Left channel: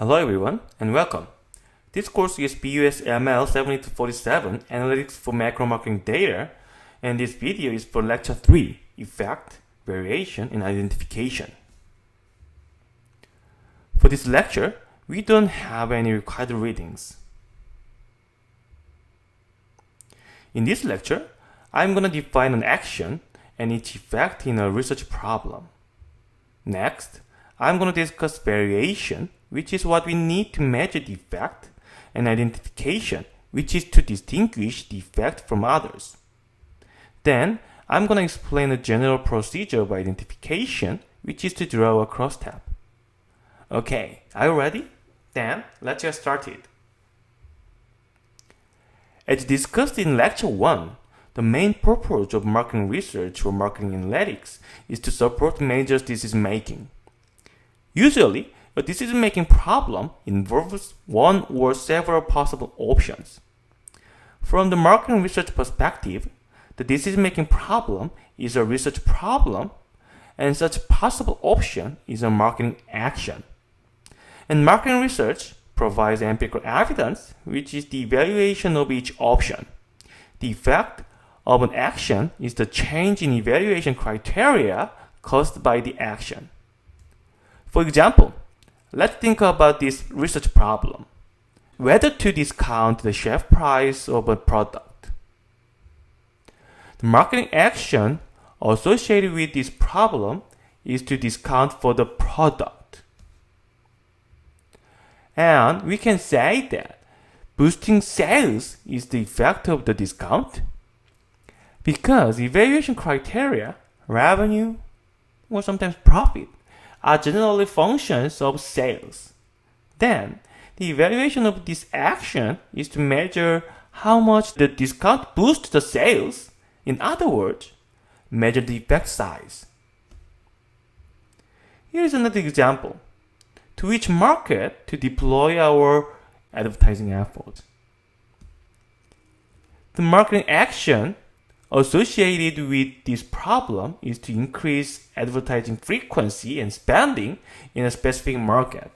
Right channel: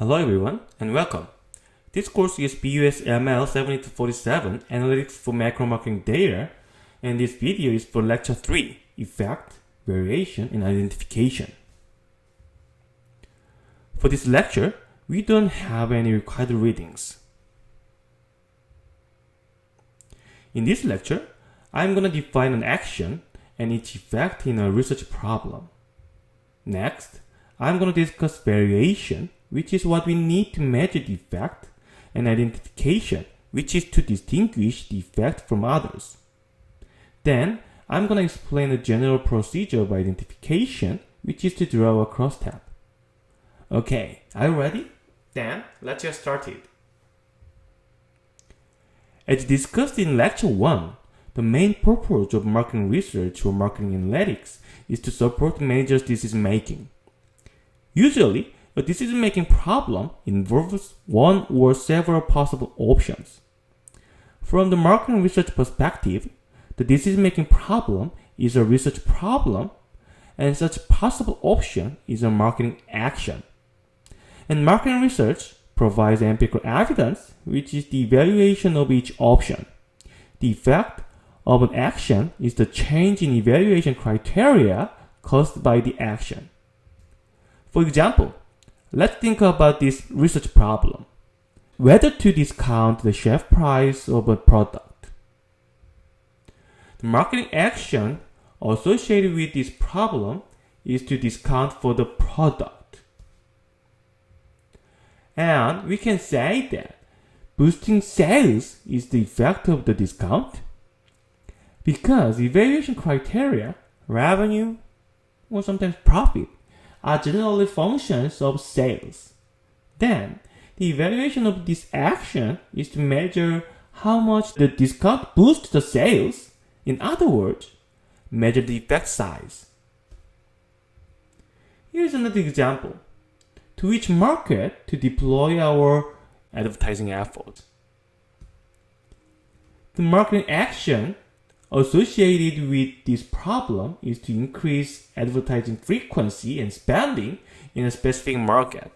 Hello everyone and welcome. This course is BUS ML 70-47 Analytics for Macro Marketing Data, and this video is for Lecture 3, Effect, Variation, and Identification. For this lecture, we don't have any required readings. In this lecture, I'm going to define an action and its effect in a research problem. Next, I'm going to discuss variation, which is what we need to measure the effect, and identification, which is to distinguish the effect from others. Then, I'm going to explain the general procedure of identification, which is to draw a crosstab. Okay, are you ready? Then, let's get started. As discussed in Lecture 1, the main purpose of marketing research or marketing analytics is to support managers' decision-making. Usually, a decision-making problem involves one or several possible options. From the marketing research perspective, the decision-making problem is a research problem, and such possible option is a marketing action. And marketing research provides empirical evidence, which is the evaluation of each option. The effect of an action is the change in evaluation criteria caused by the action. For example, let's think about this research problem. Whether to discount the shelf price of a product. The marketing action associated with this problem is to discount for the product. And we can say that boosting sales is the effect of the discount because evaluation criteria, revenue, or sometimes profit are generally functions of sales. Then, the evaluation of this action is to measure how much the discount boosts the sales. In other words, measure the effect size. Here is another example. To which market to deploy our advertising efforts. The marketing action associated with this problem is to increase advertising frequency and spending in a specific market.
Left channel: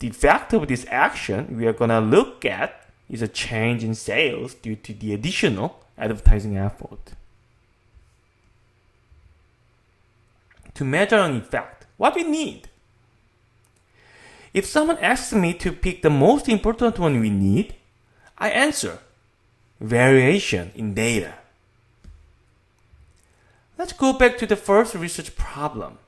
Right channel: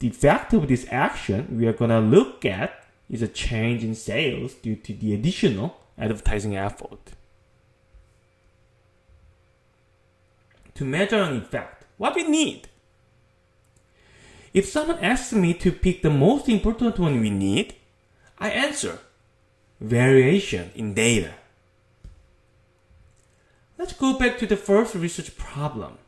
The effect of this action we are going to look at is a change in sales due to the additional advertising effort. To measure an effect, what we need? If someone asks me to pick the most important one we need, I answer variation in data. Let's go back to the first research problem.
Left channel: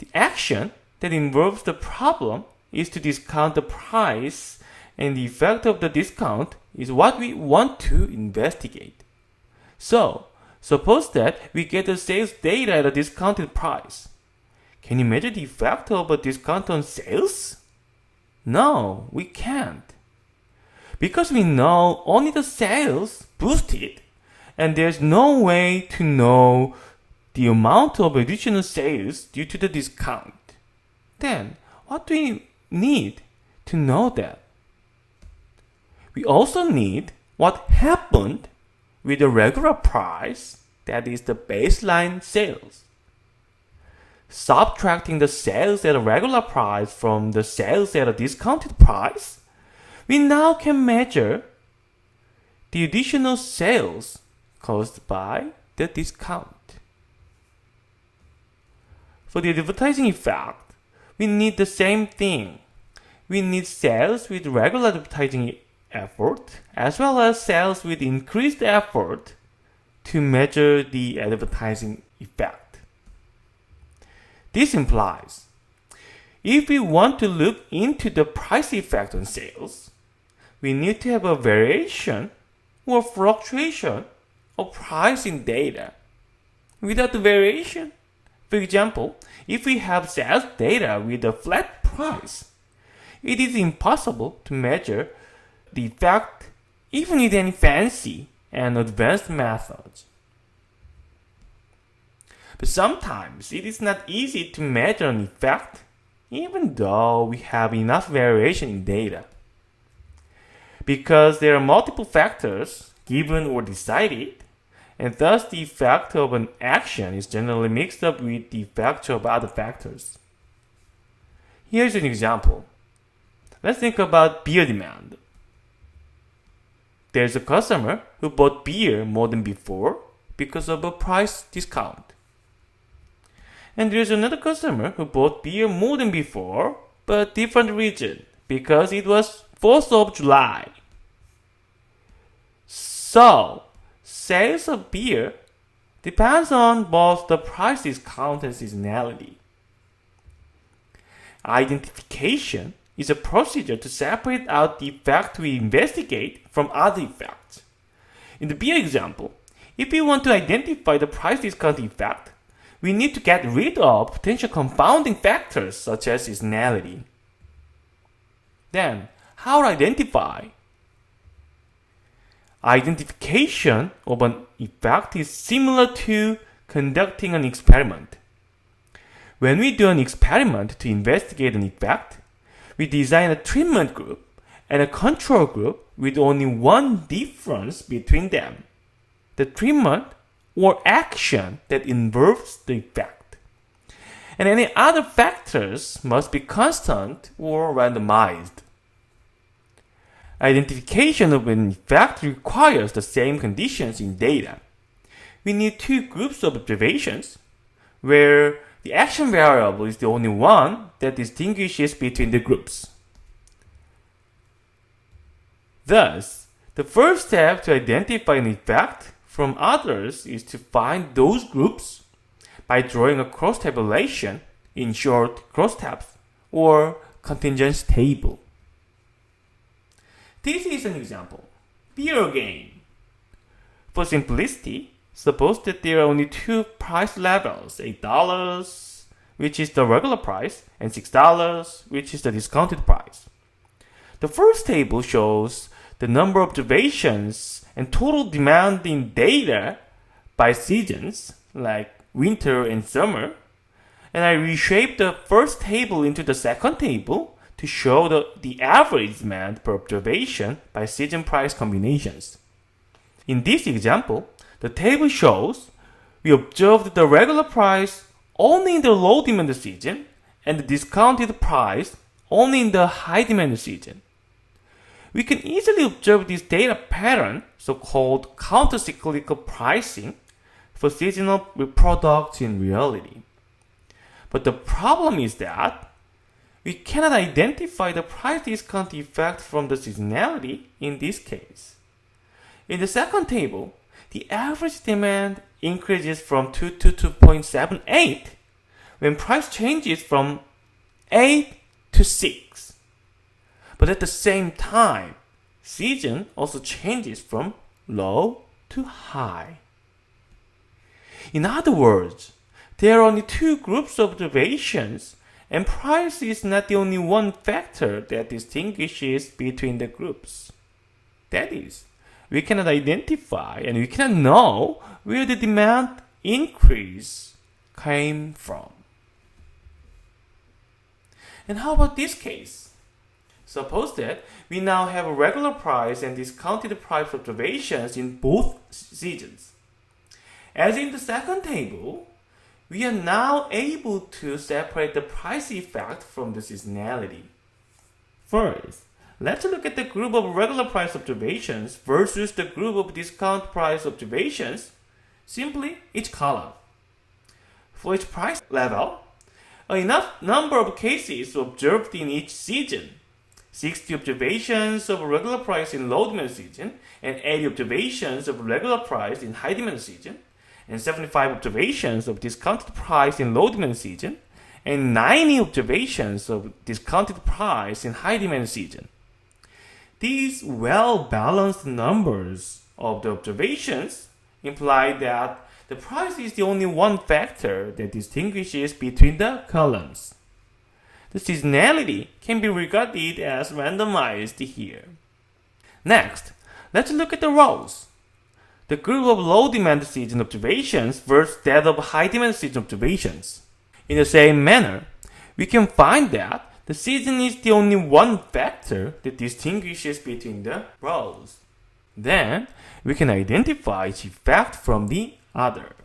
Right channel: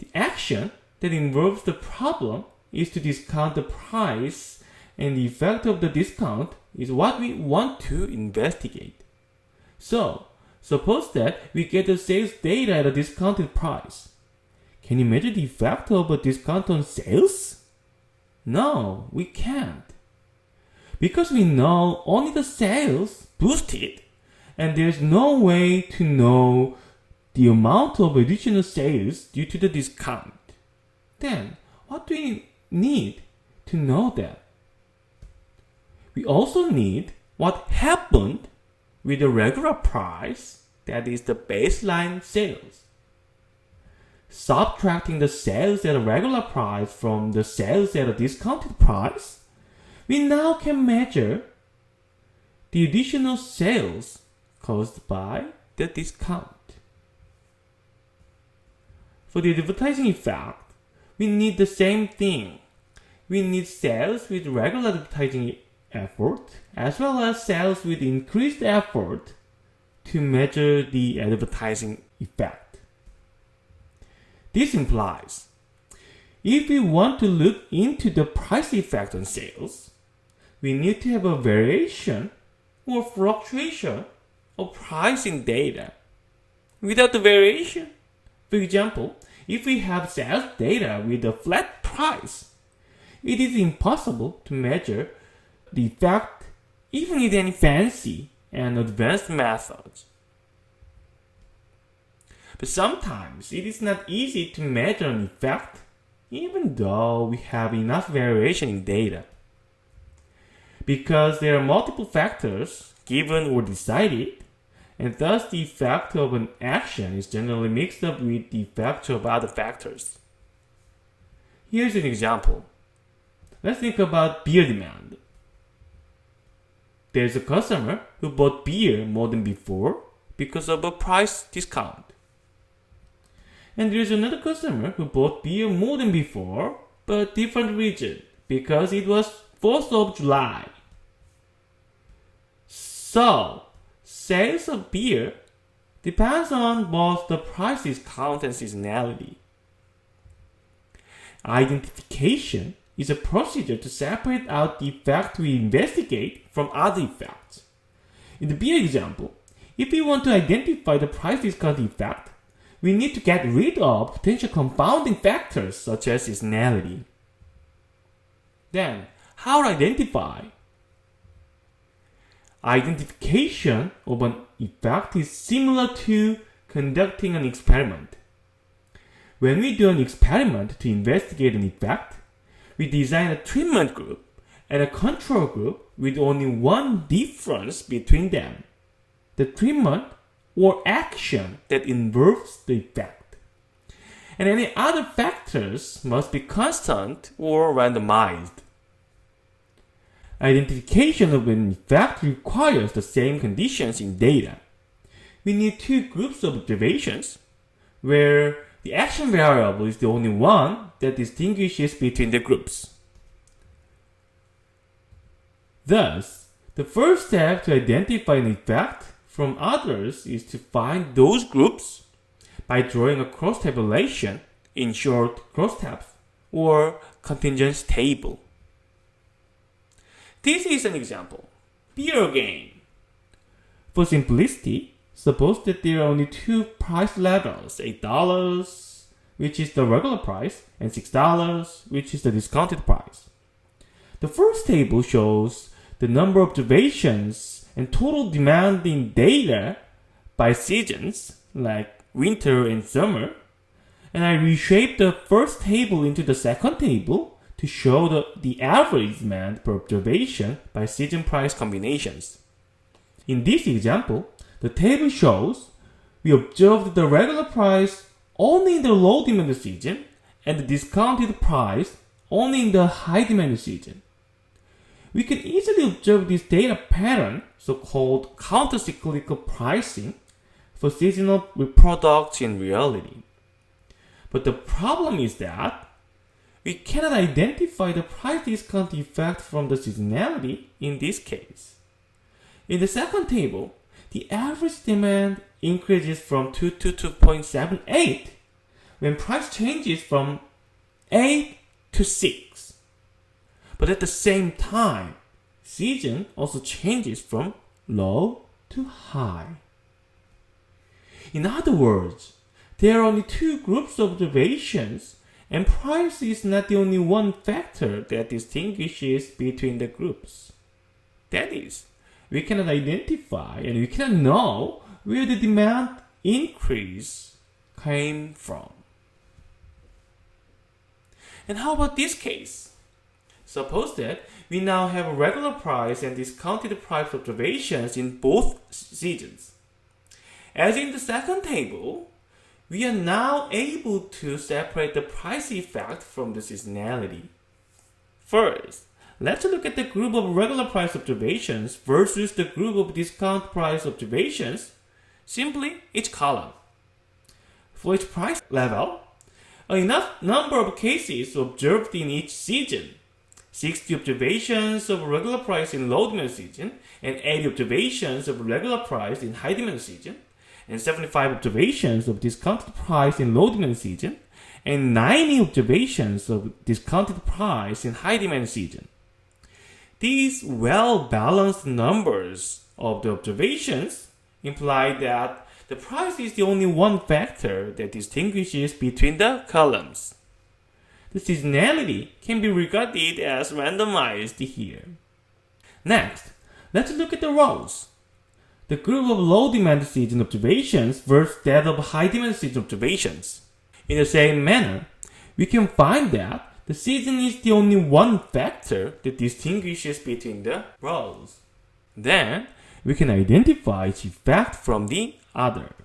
The action that involves the problem is to discount the price, and the effect of the discount is what we want to investigate. So, suppose that we get the sales data at a discounted price. Can you measure the effect of a discount on sales? No, we can't. Because we know only the sales boosted, and there's no way to know the amount of additional sales due to the discount. Then, what do we need to know that? We also need what happened with the regular price, that is the baseline sales. Subtracting the sales at a regular price from the sales at a discounted price, we now can measure the additional sales caused by the discount. For the advertising effect, we need the same thing. We need sales with regular advertising effort as well as sales with increased effort to measure the advertising effect. This implies if we want to look into the price effect on sales, we need to have a variation or fluctuation of pricing data. Without the variation, for example, if we have sales data with a flat price, it is impossible to measure the effect even with any fancy and advanced methods. But sometimes it is not easy to measure an effect even though we have enough variation in data. Because there are multiple factors given or decided, and thus the effect of an action is generally mixed up with the effect of other factors. Here's an example. Let's think about beer demand. There's a customer who bought beer more than before because of a price discount. And there's another customer who bought beer more than before, but different reason, because it was 4th of July. So, sales of beer depends on both the price discount and seasonality. Identification is a procedure to separate out the effect we investigate from other effects. In the beer example, if we want to identify the price discount effect, we need to get rid of potential confounding factors such as seasonality. Then, how to identify? Identification of an effect is similar to conducting an experiment. When we do an experiment to investigate an effect, we design a treatment group and a control group with only one difference between them: the treatment or action that involves the effect. And any other factors must be constant or randomized. Identification of an effect requires the same conditions in data. We need two groups of observations where the action variable is the only one that distinguishes between the groups. Thus, the first step to identify an effect from others is to find those groups by drawing a cross tabulation, in short, crosstabs, or contingency table. This is an example. Beer again. For simplicity, suppose that there are only two price levels, $8, which is the regular price, and $6, which is the discounted price. The first table shows the number of observations and total demand in data by seasons, like winter and summer, and I reshaped the first table into the second table to show the average demand per observation by season price combinations. In this example, the table shows we observed the regular price only in the low demand season and the discounted price only in the high demand season. We can easily observe this data pattern, so-called countercyclical pricing, for seasonal products in reality. But the problem is that we cannot identify the price discount effect from the seasonality in this case. In the second table, the average demand increases from 2 to 2.78 when price changes from 8 to 6. But at the same time, season also changes from low to high. In other words, there are only two groups of observations, and price is not the only one factor that distinguishes between the groups. That is, we cannot identify and we cannot know where the demand increase came from. And how about this case? Suppose that we now have a regular price and discounted price observations in both seasons. As in the second table, we are now able to separate the price effect from the seasonality. First, let's look at the group of regular price observations versus the group of discount price observations, simply each column. For each price level, enough number of cases observed in each season: 60 observations of regular price in low demand season, and 80 observations of regular price in high demand season, and 75 observations of discounted price in low demand season, and 90 observations of discounted price in high demand season. These well-balanced numbers of the observations imply that the price is the only one factor that distinguishes between the columns. The seasonality can be regarded as randomized here. Next, let's look at the rows. The group of low demand season observations versus that of high demand season observations. In the same manner, we can find that the season is the only one factor that distinguishes between the rows. Then, we can identify each effect from the other.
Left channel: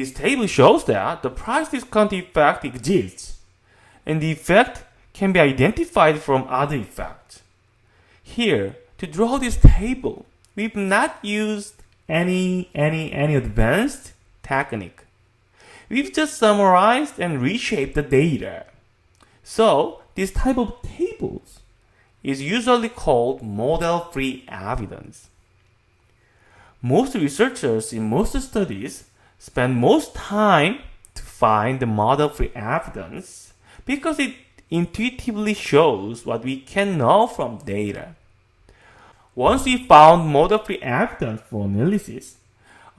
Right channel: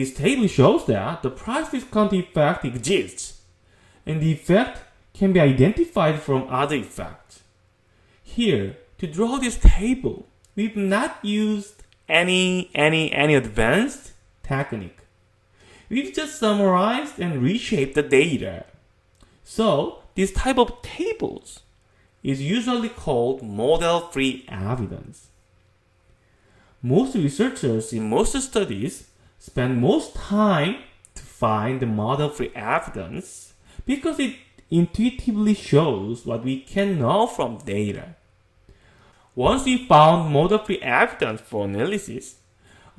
This table shows that the price discount effect exists, and the effect can be identified from other effects. Here, to draw this table, we've not used any advanced technique. We've just summarized and reshaped the data. So, this type of tables is usually called model-free evidence. Most researchers in most studies spend most time to find the model-free evidence because it intuitively shows what we can know from data. Once we found model-free evidence for analysis,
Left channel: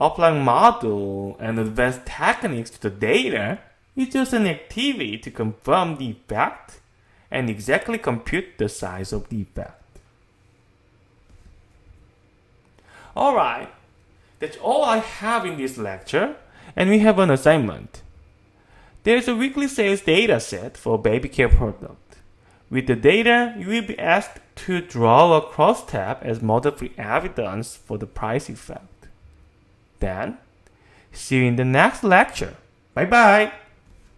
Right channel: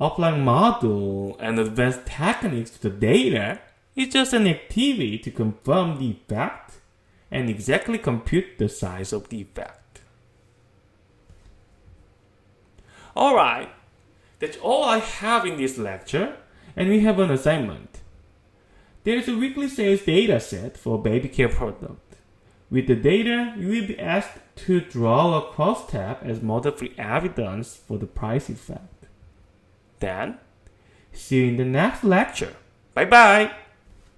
applying model and advanced techniques to the data is just an activity to confirm the effect and exactly compute the size of the effect. Alright, that's all I have in this lecture, and we have an assignment. There's a weekly sales data set for baby care product. With the data, you will be asked to draw a crosstab as model-free evidence for the price effect. Then, see you in the next lecture. Bye bye!